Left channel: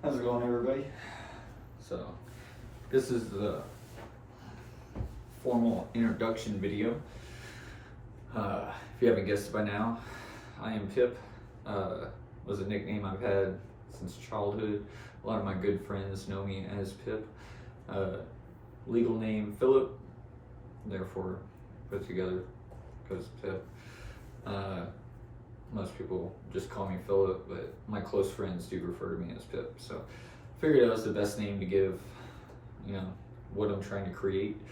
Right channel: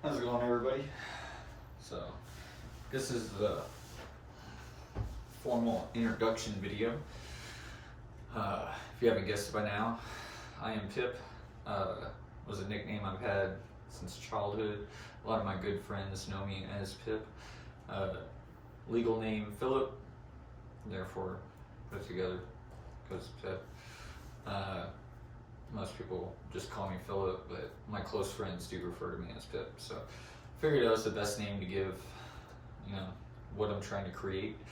How's it going, everybody? So, this is the formal introduction video. If you haven't guessed it by now, I am Pip. Was a nickname I've had since childhood. A lot of my good friends know me as Pip. Legal name Philip, therefore put together because Pip. Most people just call me Philip, but my close friends do refer to me as Pip. So I figured that was the best name to give, what I'm trying to create.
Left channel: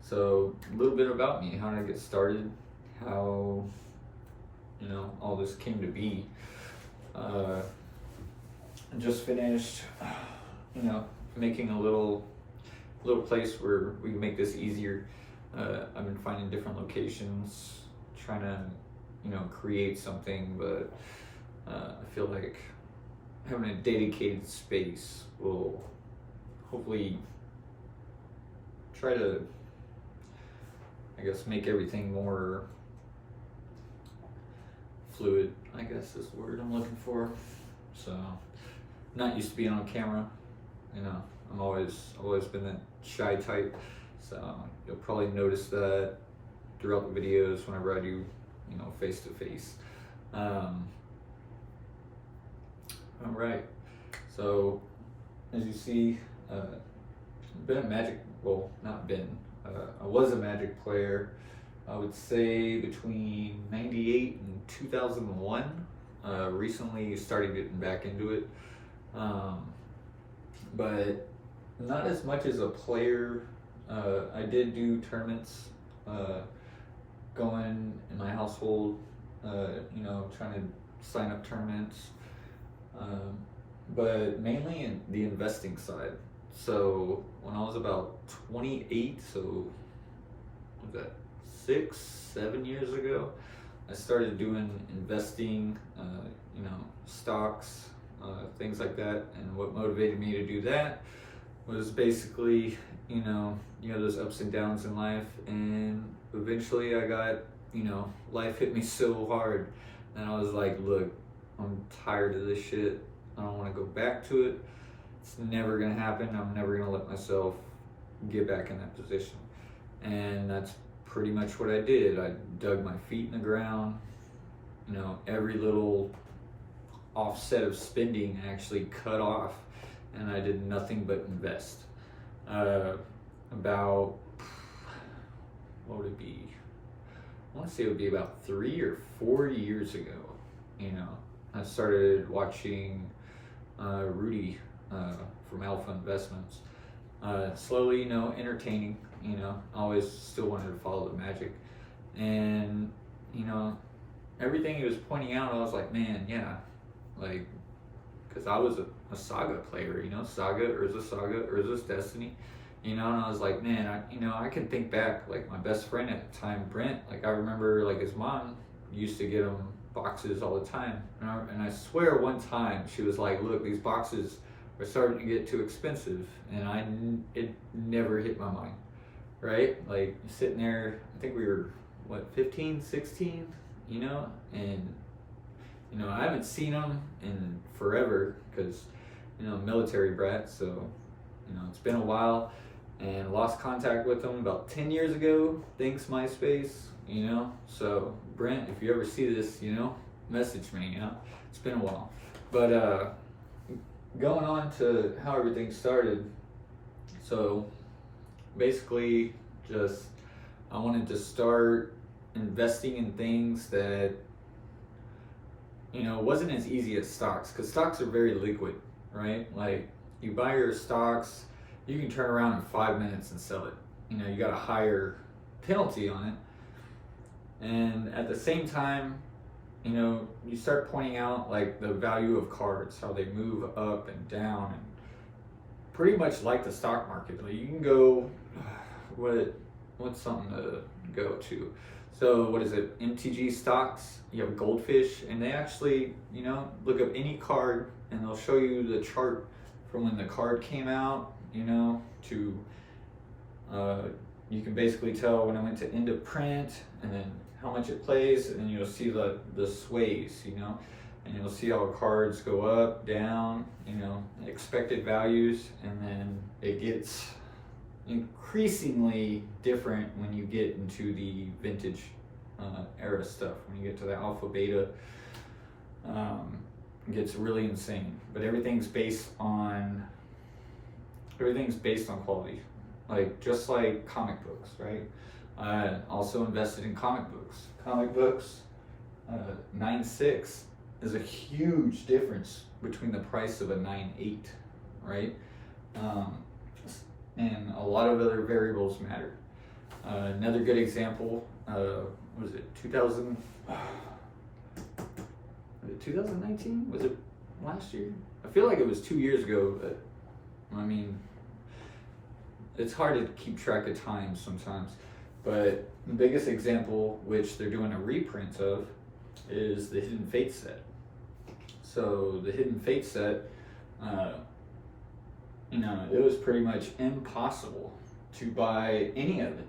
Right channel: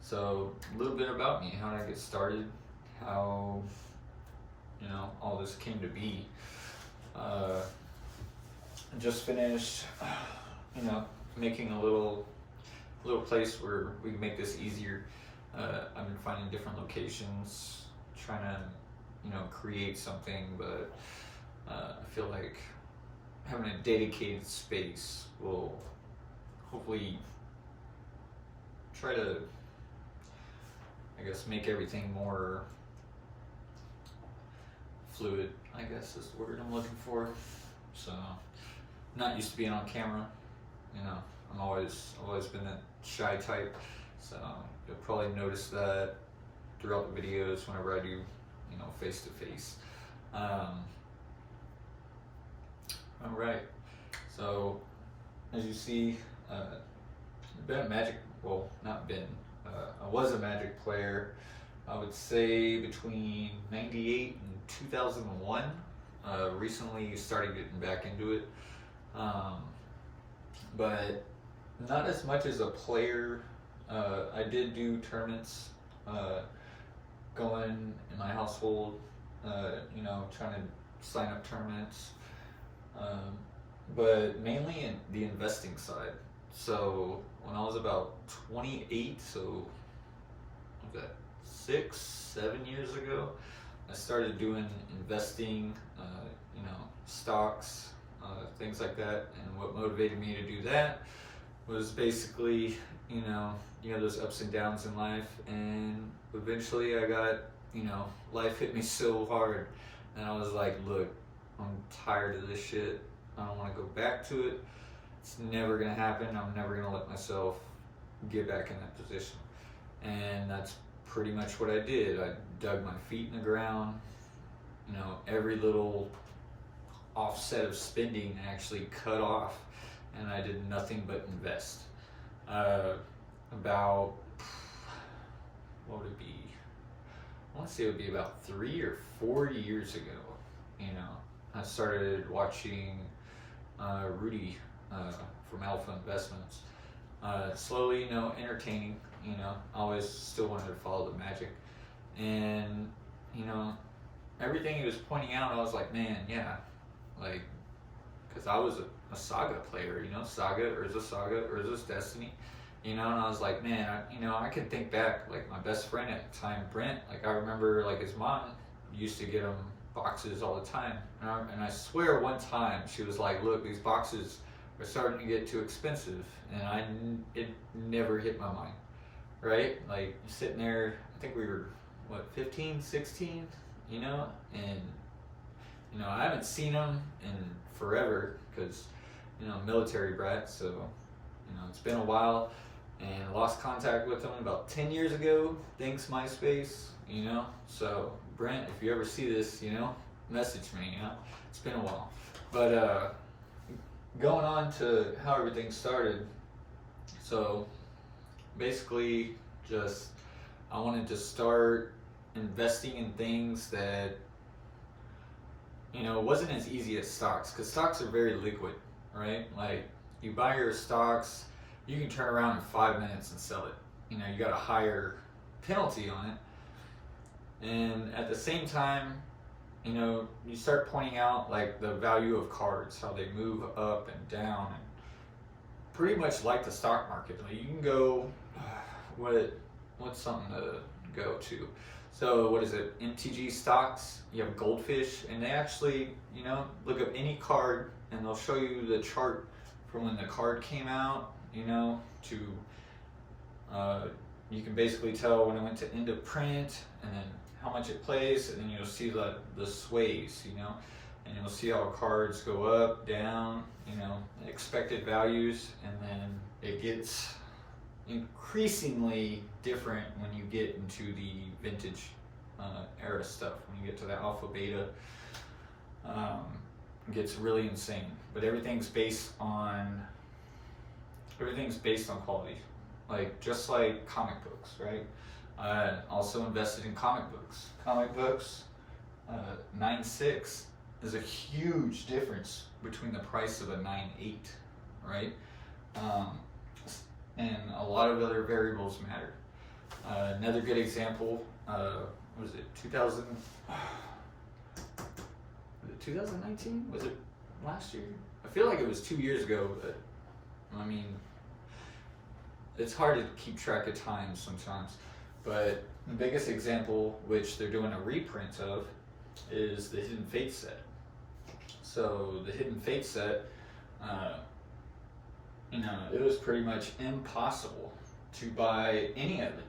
So a little bit about me. How did I get started? How, all this came to be. I just finished, making a little place where we can make this easier. I've been finding different locations, trying to, create something, but I feel like having a dedicated space will hopefully try to, make everything more fluid, I guess is the word I'm looking for. So, not used to being on camera, I'm always been that shy type, so you'll probably notice that throughout the videos whenever I do, face to face. All right, so as you see, been a Magic, well, not been, I was a Magic player, I would say between 98 and 2001. Recently started getting back into it, but not as much as a player. I did do tournaments going in my household, trying to sign up tournaments, but mainly in the investing side. So when I was about 28, so what was that, 6-7 years ago, I started doing investing, stocks, things like that. And what motivated me to do that was basically, those ups and downs in life. And eventually I got, life hit me so hard. And I was like, look, I'm tired of this shit. I don't want to go back to it. It's never going to happen. I'm never going to let myself get back in that position. And that's pretty much what I did. I dug my feet in the ground. Every little offset of spending actually cut off, and I did nothing but invest. About, what would it be? I want to say it would be about 3 or 4 years ago. I started watching Rudy from Alpha Investments. Slowly, entertaining. I always still wanted to follow the Magic, and everything he was pointing out, I was like, man, yeah, like, because I was a Saga player, Saga, Urza's Destiny, and I was like, man, I can think back, like, my best friend at the time, Brent, like, I remember, like, his mom used to get him boxes all the time, and I swear one time she was like, look, these boxes are starting to get too expensive, and it never hit my mind, right? Like, sitting there, I think we were, 15, 16, and I haven't seen them in forever because, military brat, so, it's been a while, and lost contact with them about 10 years ago, thanks MySpace, so Brent, if you ever see this, message me, it's been a while. But going on to how everything started, so basically just I wanted to start investing in things that wasn't as easy as stocks, because stocks are very liquid, right? Like, you buy your stocks, you can turn around in 5 minutes and sell it. You got a higher penalty on it, and at the same time, you start pointing out, like, the value of cards, how they move up and down, and pretty much like the stock market. Like, you can go, what's something to go to? So what is it? MTG stocks, you have Goldfish, and they actually, look up any card and they'll show you the chart from when the card came out, to, you can basically tell when it went to end of print, and then how much it plays, and then you'll see the sways, and you'll see how cards go up, down, expected values, and then it gets increasingly different when you get into the vintage era stuff. When you get to the alpha beta, it gets really insane. But everything's based on quality, just like comic books, right? I also invested in comic books. 9.6 is a huge difference between the price of a 9.8, right? And a lot of other variables matter. Another good example, was it 2019? Was it last year? I feel like it was 2 years ago, but I mean, it's hard to keep track of time sometimes. But the biggest example, which they're doing a reprint of, is the Hidden Fate set. So the Hidden Fate set, it was pretty much impossible to buy any of it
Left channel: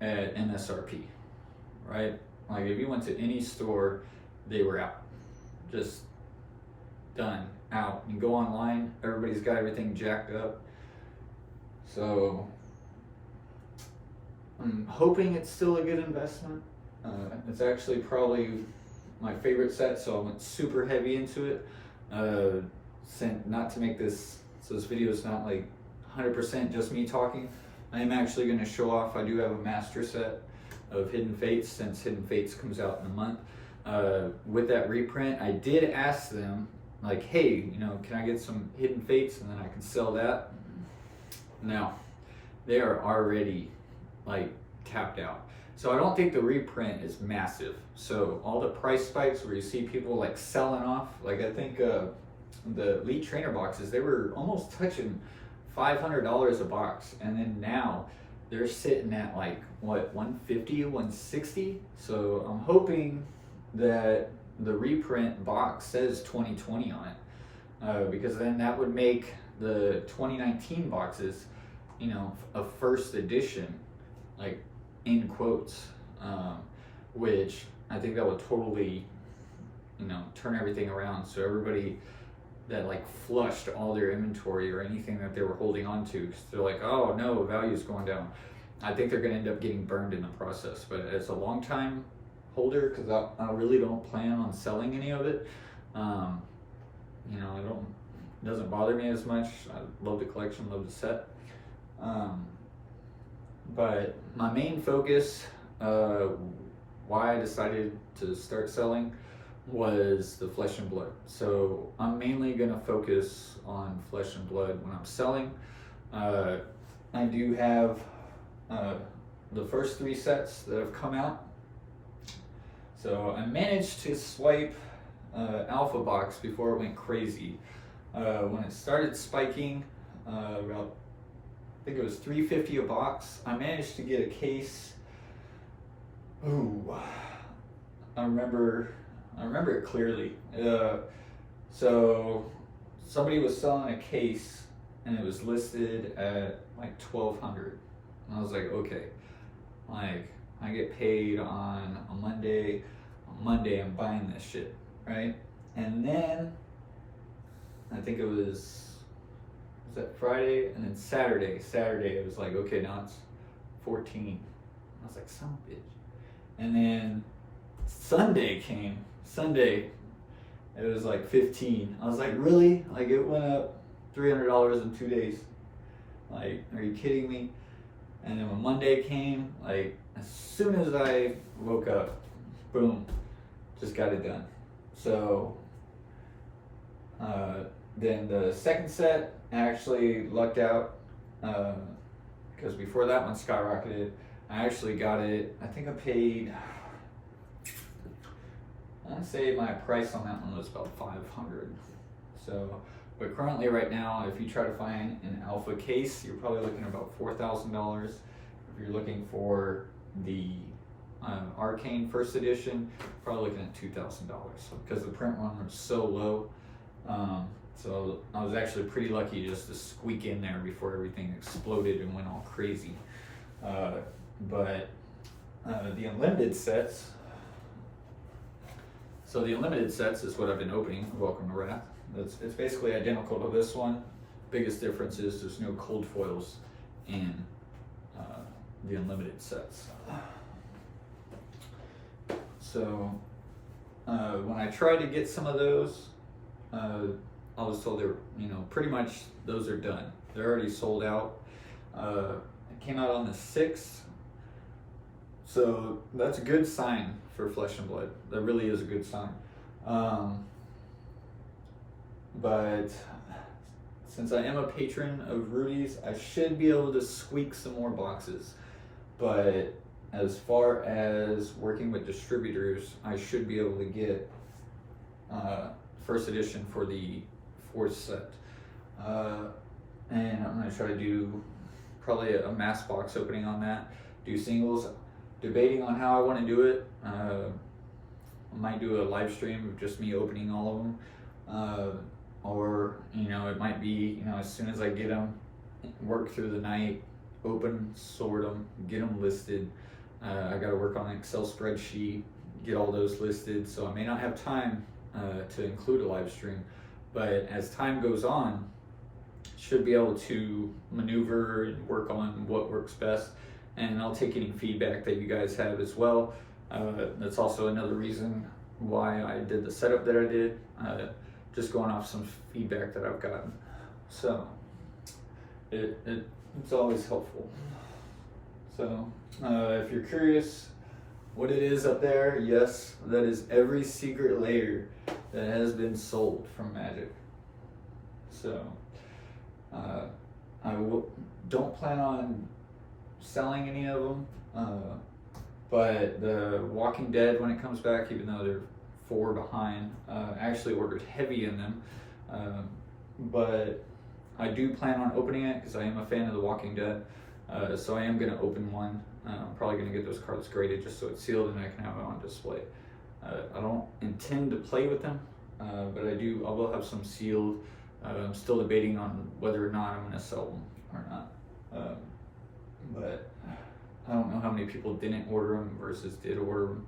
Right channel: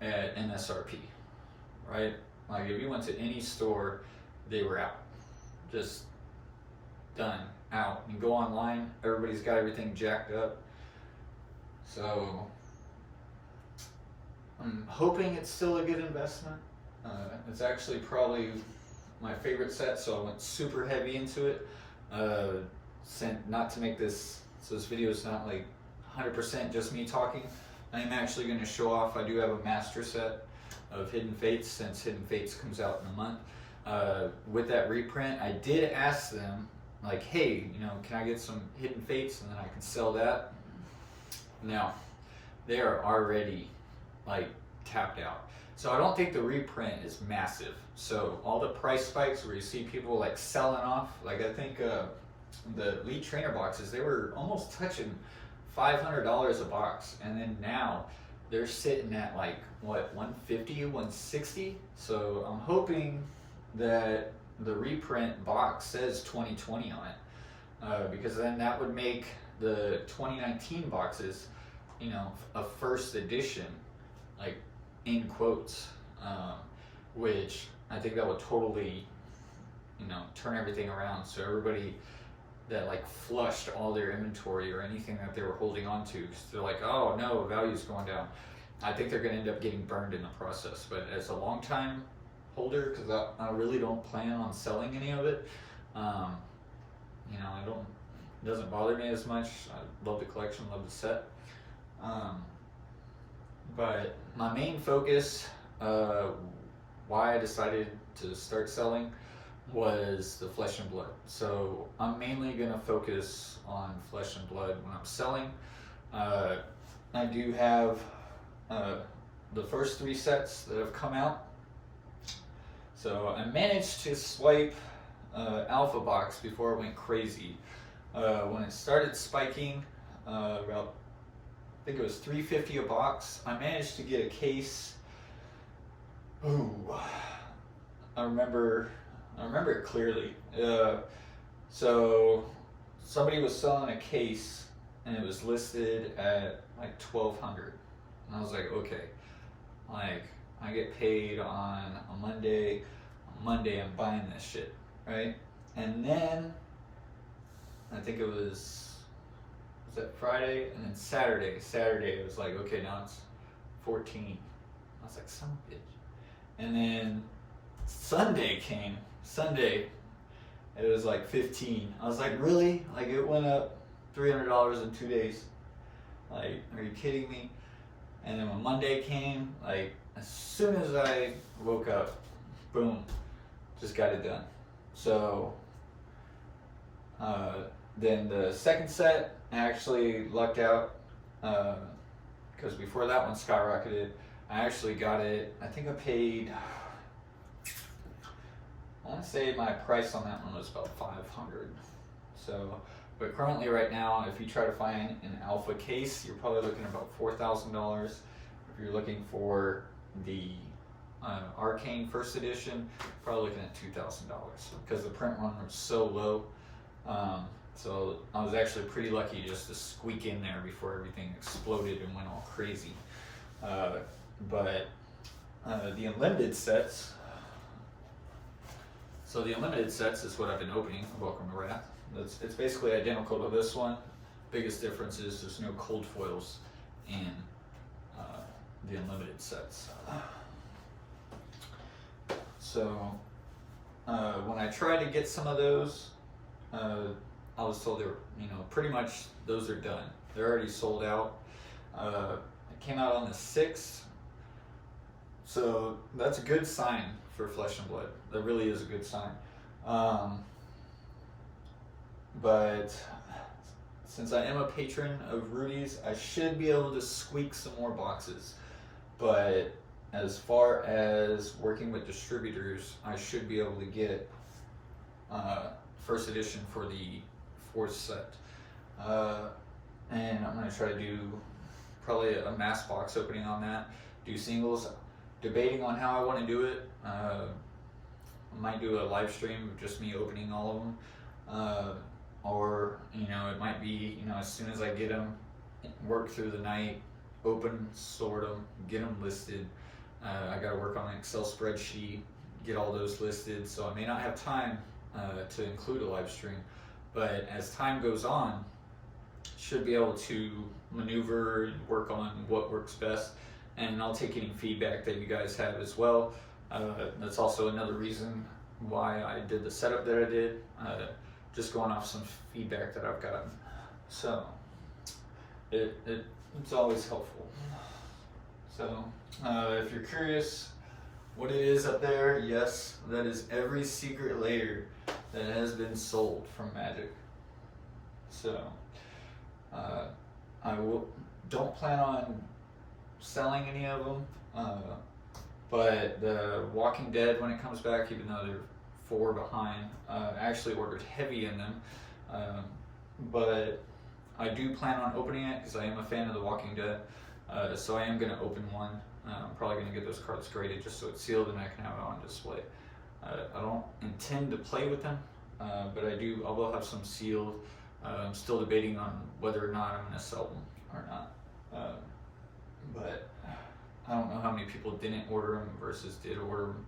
at MSRP, right? Like if you went to any store, they were out, just done, out. You go online, everybody's got everything jacked up. So I'm hoping it's still a good investment. It's actually probably my favorite set, so I went super heavy into it. Not to make this, so this video is not like 100% just me talking. I am actually going to show off, I do have a master set of Hidden Fates, since Hidden Fates comes out in a month. With that reprint, I did ask them, like, hey, can I get some Hidden Fates and then I can sell that? No, they are already tapped out. So I don't think the reprint is massive. So all the price spikes where you see people selling off, I think the Elite Trainer boxes, they were almost touching $500 a box, and then now they're sitting at what, 150, 160. So I'm hoping that the reprint box says 2020 on it, because then that would make the 2019 boxes, a first edition, in quotes, which I think that would totally, turn everything around. So everybody that flushed all their inventory or anything that they were holding on to, because they're like, oh no, value's going down, I think they're going to end up getting burned in the process. But as a long time holder, because I really don't plan on selling any of it, it doesn't bother me as much. I love the collection, love the set. But my main focus, why I decided to start selling, was the Flesh and Blood. So I'm mainly going to focus on Flesh and Blood when I'm selling. I do have the first 3 sets that have come out. So I managed to swipe Alpha Box before it went crazy. When it started spiking, about, I think it was $3.50 a box, I managed to get a case. Ooh, I remember it clearly. So somebody was selling a case and it was listed at $1,200. And I was like, okay, I get paid on a Monday. On Monday I'm buying this shit, right? And then I think it was that Friday, and then Saturday it was like, okay, now it's 14. I was like, son of a bitch. And then Sunday came. Sunday, it was 15. I was like, really? It went up $300 in 2 days. Are you kidding me? And then when Monday came, as soon as I woke up, boom, just got it done. So then the second set, I actually lucked out, because before that one skyrocketed, I actually got it, I think I paid, I want to say my price on that one was about $500. So, but currently right now, if you try to find an alpha case, you're probably looking at about $4,000. If you're looking for the Arcane first edition, probably looking at $2,000, because the print run was so low. So I was actually pretty lucky just to squeak in there before everything exploded and went all crazy. But the unlimited sets, So the unlimited sets is what I've been opening. Welcome to Wrath. It's basically identical to this one. Biggest difference is there's no cold foils in the unlimited sets. So when I tried to get some of those, I was told they were, pretty much those are done. They're already sold out. It came out on the 6th. So that's a good sign for Flesh and Blood. That really is a good sign. But since I am a patron of Rudy's, I should be able to squeak some more boxes. But as far as working with distributors, I should be able to get first edition for the 4th set. And I'm going to try to do probably a mass box opening on that. Do singles. Debating on how I want to do it. I might do a live stream of just me opening all of them. Or, it might be, as soon as I get them, work through the night, open, sort them, get them listed. I got to work on an Excel spreadsheet, get all those listed. So I may not have time to include a live stream. But as time goes on, should be able to maneuver and work on what works best. And I'll take any feedback that you guys have as well. That's also another reason why I did the setup that I did, just going off some feedback that I've gotten. So it's always helpful. So if you're curious what it is up there, yes, that is every secret layer that has been sold from Magic. So I don't plan on selling any of them, but the Walking Dead, when it comes back, even though they're 4 behind, I actually ordered heavy in them, but I do plan on opening it because I am a fan of the Walking Dead, so I am going to open one. I'm probably going to get those cards graded just so it's sealed and I can have it on display. I don't intend to play with them, but I will have some sealed. I'm still debating on whether or not I'm going to sell them or not. But I don't know how many people didn't order them versus did order them.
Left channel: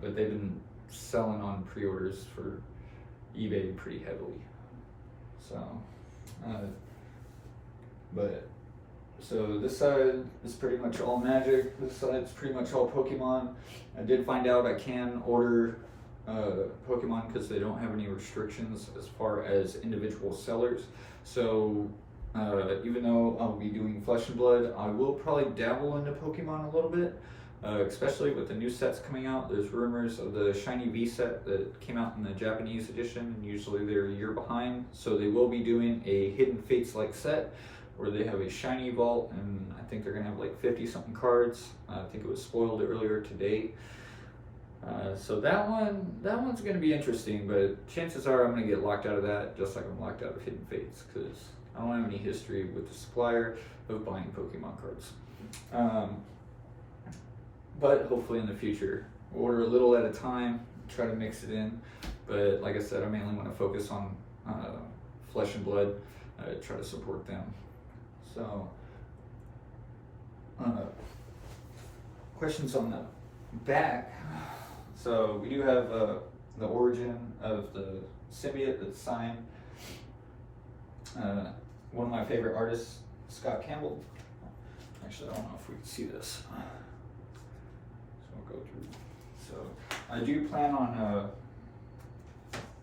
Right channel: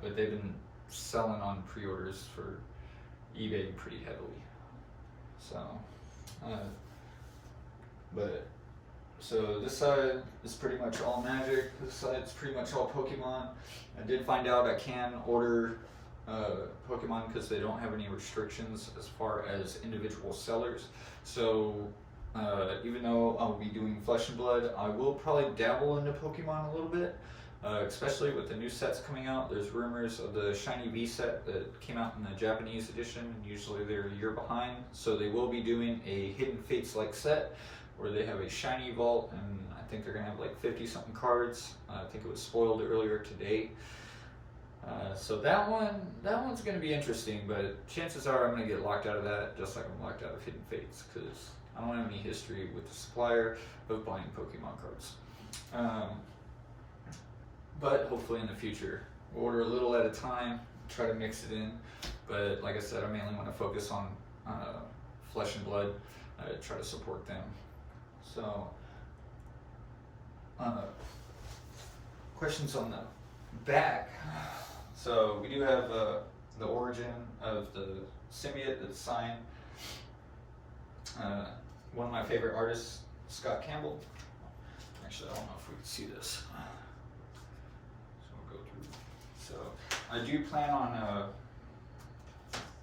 But they've been selling on pre-orders for eBay pretty heavily. So, so this side is pretty much all Magic. This side's pretty much all Pokemon. I did find out I can order Pokemon because they don't have any restrictions as far as individual sellers. So even though I'll be doing Flesh and Blood, I will probably dabble into Pokemon a little bit, especially with the new sets coming out. There's rumors of the Shiny V set that came out in the Japanese edition, and usually they're a year behind. So they will be doing a Hidden Fates-like set where they have a Shiny Vault, and I think they're going to have like 50-something cards. I think it was spoiled earlier today. So that one's going to be interesting, but chances are I'm going to get locked out of that, just like I'm locked out of Hidden Fates, because I don't have any history with the supplier of buying Pokemon cards. But hopefully in the future, order a little at a time, try to mix it in. But like I said, I mainly want to focus on Flesh and Blood, try to support them. So, questions on the back. So we do have the origin of the symbiote that's signed. One of my favorite artists, Scott Campbell. Actually, I don't know if we can see this. So we'll go through. So I do plan on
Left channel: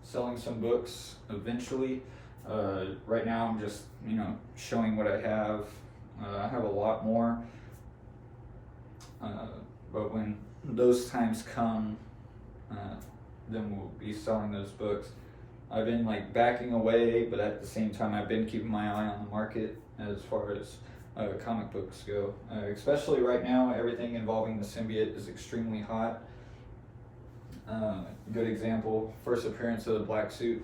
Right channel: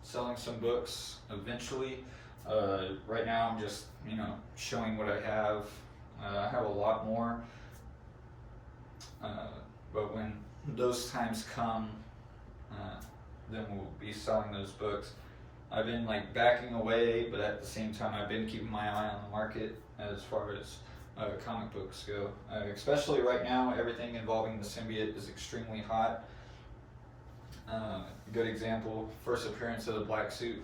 selling some books eventually. Right now I'm just, showing what I have. I have a lot more. But when those times come, then we'll be selling those books. I've been backing away, but at the same time I've been keeping my eye on the market as far as comic books go. Especially right now, everything involving the symbiote is extremely hot. Good example, first appearance of the black suit.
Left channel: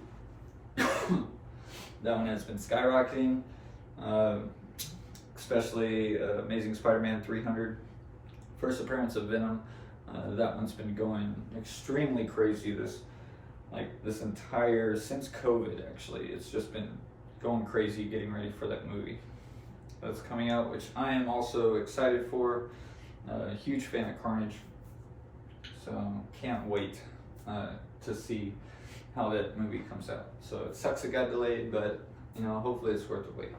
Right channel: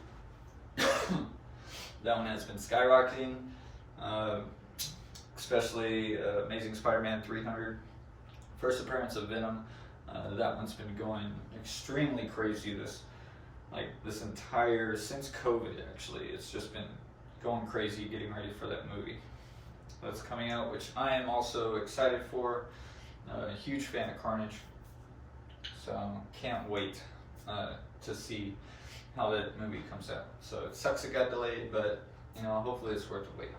That one has been skyrocketing, especially Amazing Spider-Man 300. First appearance of Venom, that one's been going extremely crazy since COVID actually. It's just been going crazy getting ready for that movie that's coming out, which I am also excited for. A huge fan of Carnage, so can't wait. to see how that movie comes out. So it sucks it got delayed, but you know, hopefully it's worth the wait.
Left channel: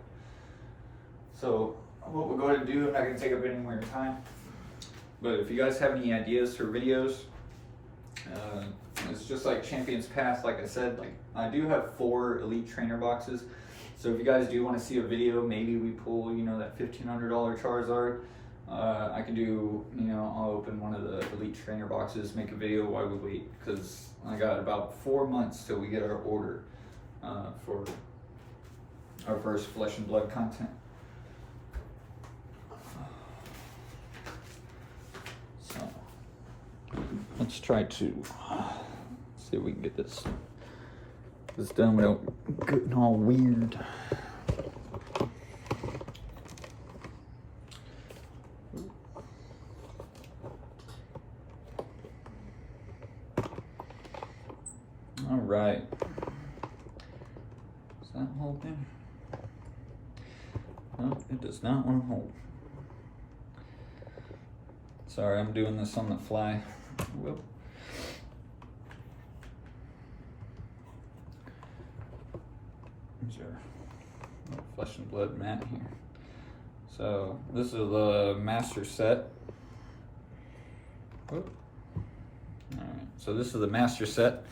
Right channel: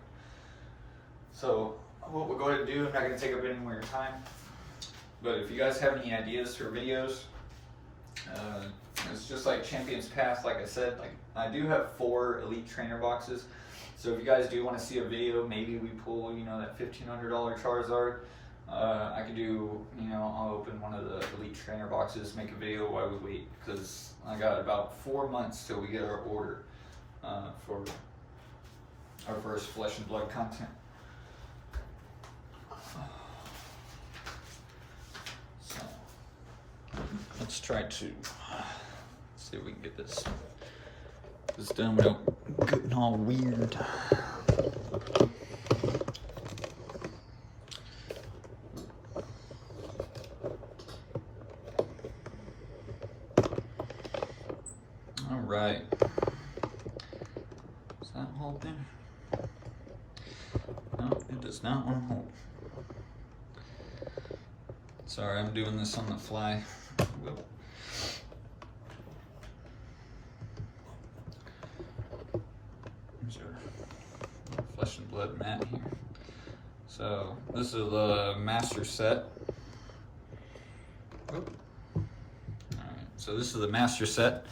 So what we'll go ahead and do, I'm not going to take up any more of your time, but if you guys have any ideas for videos, it's just like Champions Path. Like I said, like I do have 4 Elite Trainer boxes. So if you guys do want to see a video, maybe we pull, you know, that $1,500 Charizard. I can do, you know, I'll open one of the Elite Trainer boxes, make a video while we wait, because I got about 4 months till we get our order for our first Flesh and Blood content. So let's try to see if we can get this done without getting all weird. All right. Is that holding? No, it does not want to hold. Sorry, I'm doing this on the fly. Whoop. There's our little Flesh and Blood mat here. So this is the master set. Whoop. All right, so this is the master set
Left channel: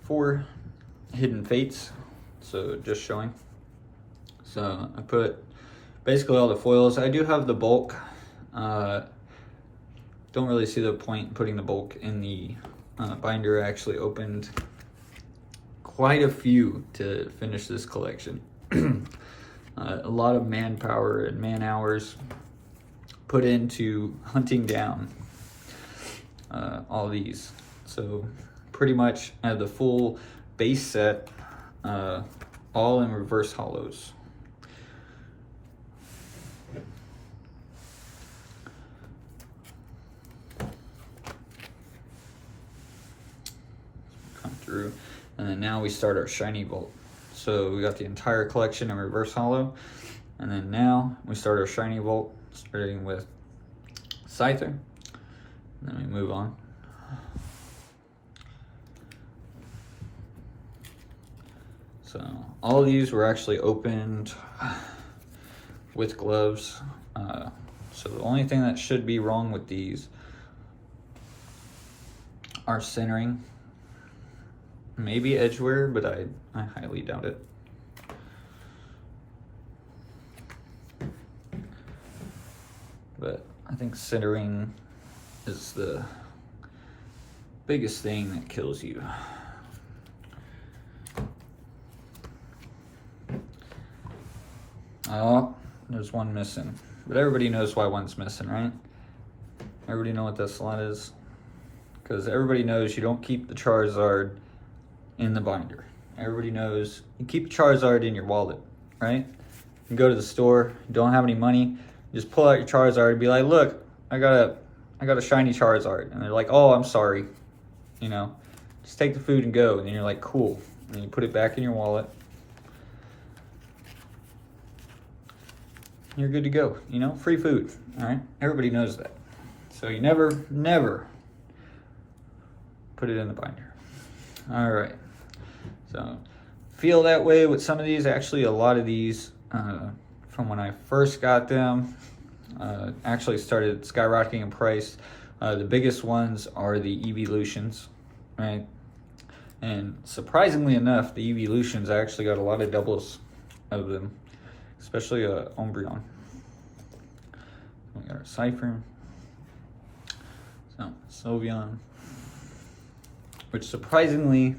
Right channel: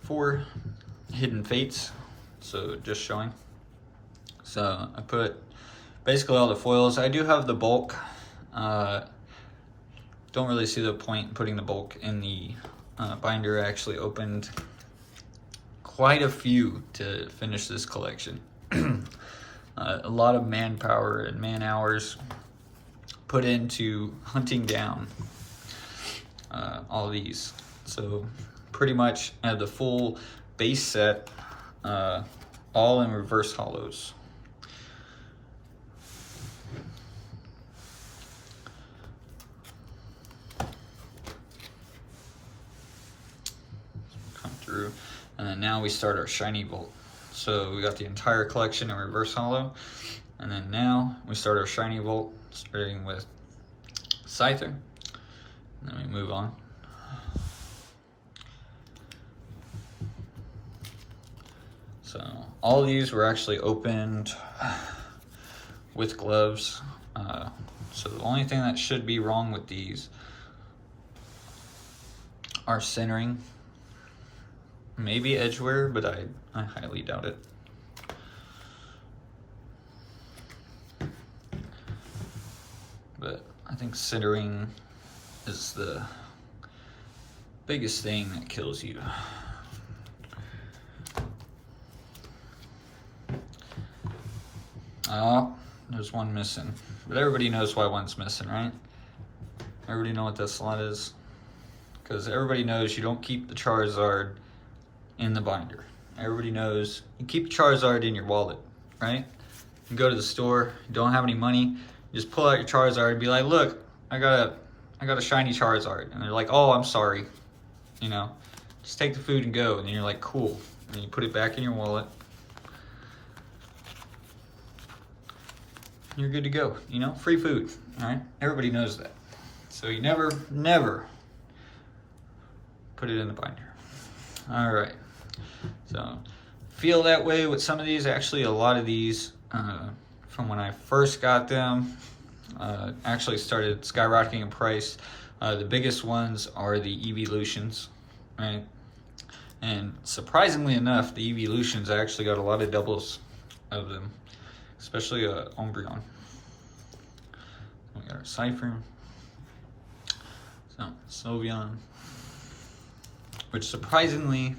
for Hidden Fates. So just showing. So I put basically all the foils. I do have the bulk. Don't really see the point in putting the bulk in the binder. I actually opened quite a few to finish this collection. A lot of manpower and man hours put into hunting down all these. So pretty much I have the full base set, all in reverse hollows. Come through, and then now we start our shiny vault. So we got the entire collection in reverse hollow, and then now we start our shiny vault, starting with Scyther, and then we move on. So all these were actually opened with gloves. So the only thing that should be wrong with these are centering, maybe edge wear, but I highly doubt it. But I think centering is the biggest thing that kills you. Oh, there's one missing. But everybody knows why one's missing, right? Everybody know what that slot is? Because everybody knows you don't keep the Charizard in the binder. Everybody knows you keep Charizard in your wallet, right? You go to the store, you don't have any money, you just pull out your Charizard and be like, look, I got a shiny Charizard. And they're like, oh, I'm sorry. You know, just take the food and go. And then you're like, cool. And then you put it back in your wallet. You're good to go, you know, free food, all right? Everybody knows that. So you never put it in the binder. All right, so feel that way with some of these. Actually, a lot of these, from when I first got them, actually started skyrocketing in price. The biggest ones are the Evolutions, right? And surprisingly enough, the Evolutions, I actually got a lot of doubles of them. Especially Umbreon. We got our Cypher. So Sylveon. Which surprisingly,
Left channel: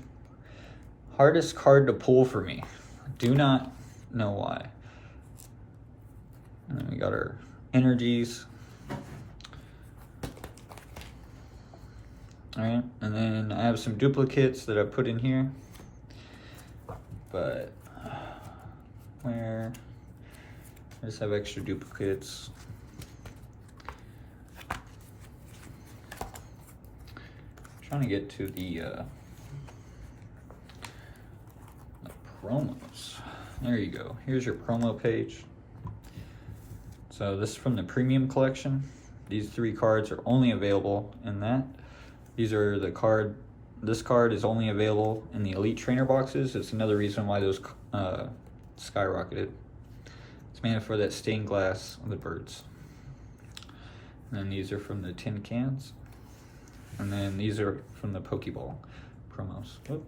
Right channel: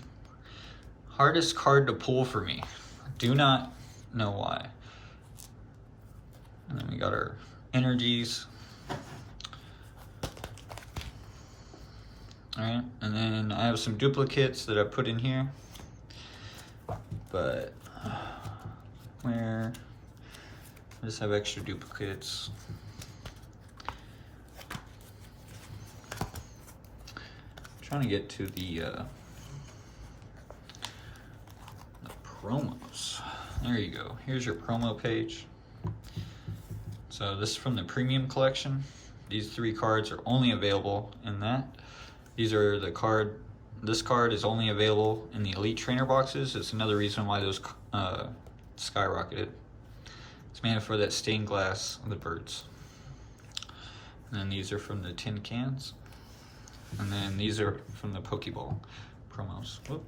hardest card to pull for me. I do not know why. And then we got our Energies. Alright, and then I have some duplicates that I put in here. But where? I just have extra duplicates. I'm trying to get to the promos. There you go. Here's your promo page. So this is from the premium collection. These 3 cards are only available in that. These are the card this card is only available in the Elite Trainer boxes. It's another reason why those skyrocketed. It's made for that stained glass of the birds. And then these are from the tin cans. And then these are from the Pokeball promos. Whoop.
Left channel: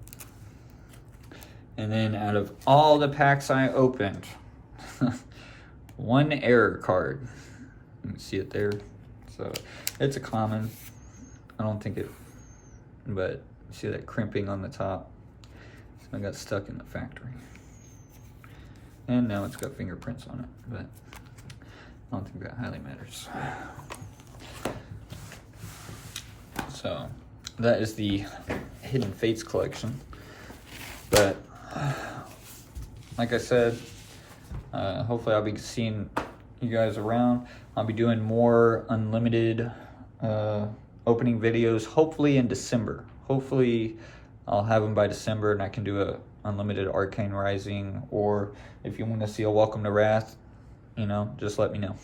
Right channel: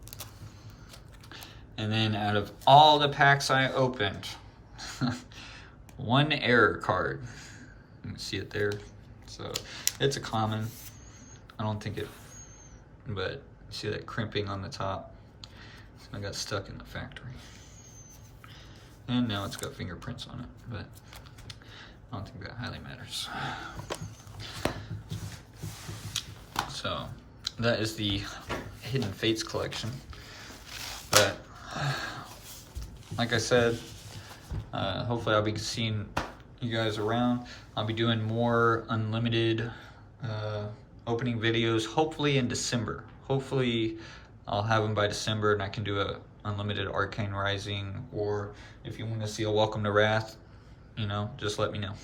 And then out of all the packs I opened, one error card. You can see it there. So it's a common. I don't think it, but you see that crimping on the top. So I got stuck in the factory. And now it's got fingerprints on it, but I don't think that highly matters. So that is the Hidden Fates collection. But like I said, hopefully I'll be seeing you guys around. I'll be doing more unlimited opening videos, hopefully in December. Hopefully I'll have them by December and I can do a unlimited Arcane Rising, or if you want to see a Welcome to Wrath, you know, just let me know.